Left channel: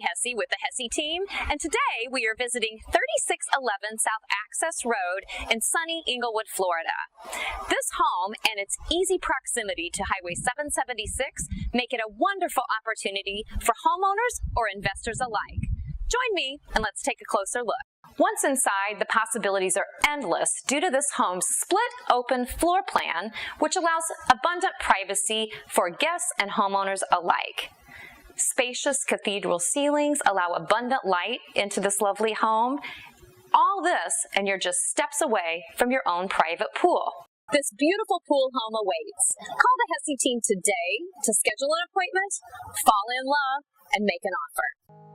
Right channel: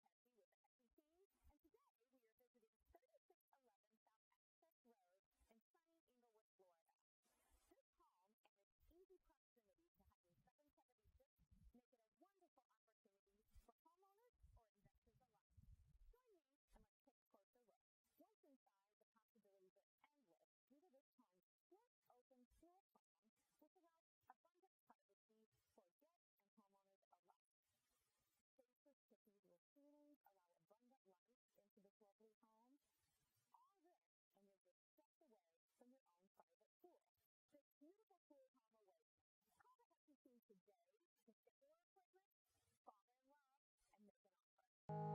Hesse with the Hesse team, and today we are visiting 3611 South Access Road in sunny Englewood, Florida. This home and its easy proximity to Highway 776 make it a wonderful opportunity for homeowners or investors alike. Join me and let's take a closer look. Once inside, the possibilities are endless due to this home's split-open floor plan, which allows abundant privacy for guests and homeowners alike. Spacious cathedral ceilings allow abundant light into this lovely home. All this, and you're just steps away from your own private pool. This beautiful pool home awaits. Call the Hesse team today to schedule an appointment, fall in love, and make an offer.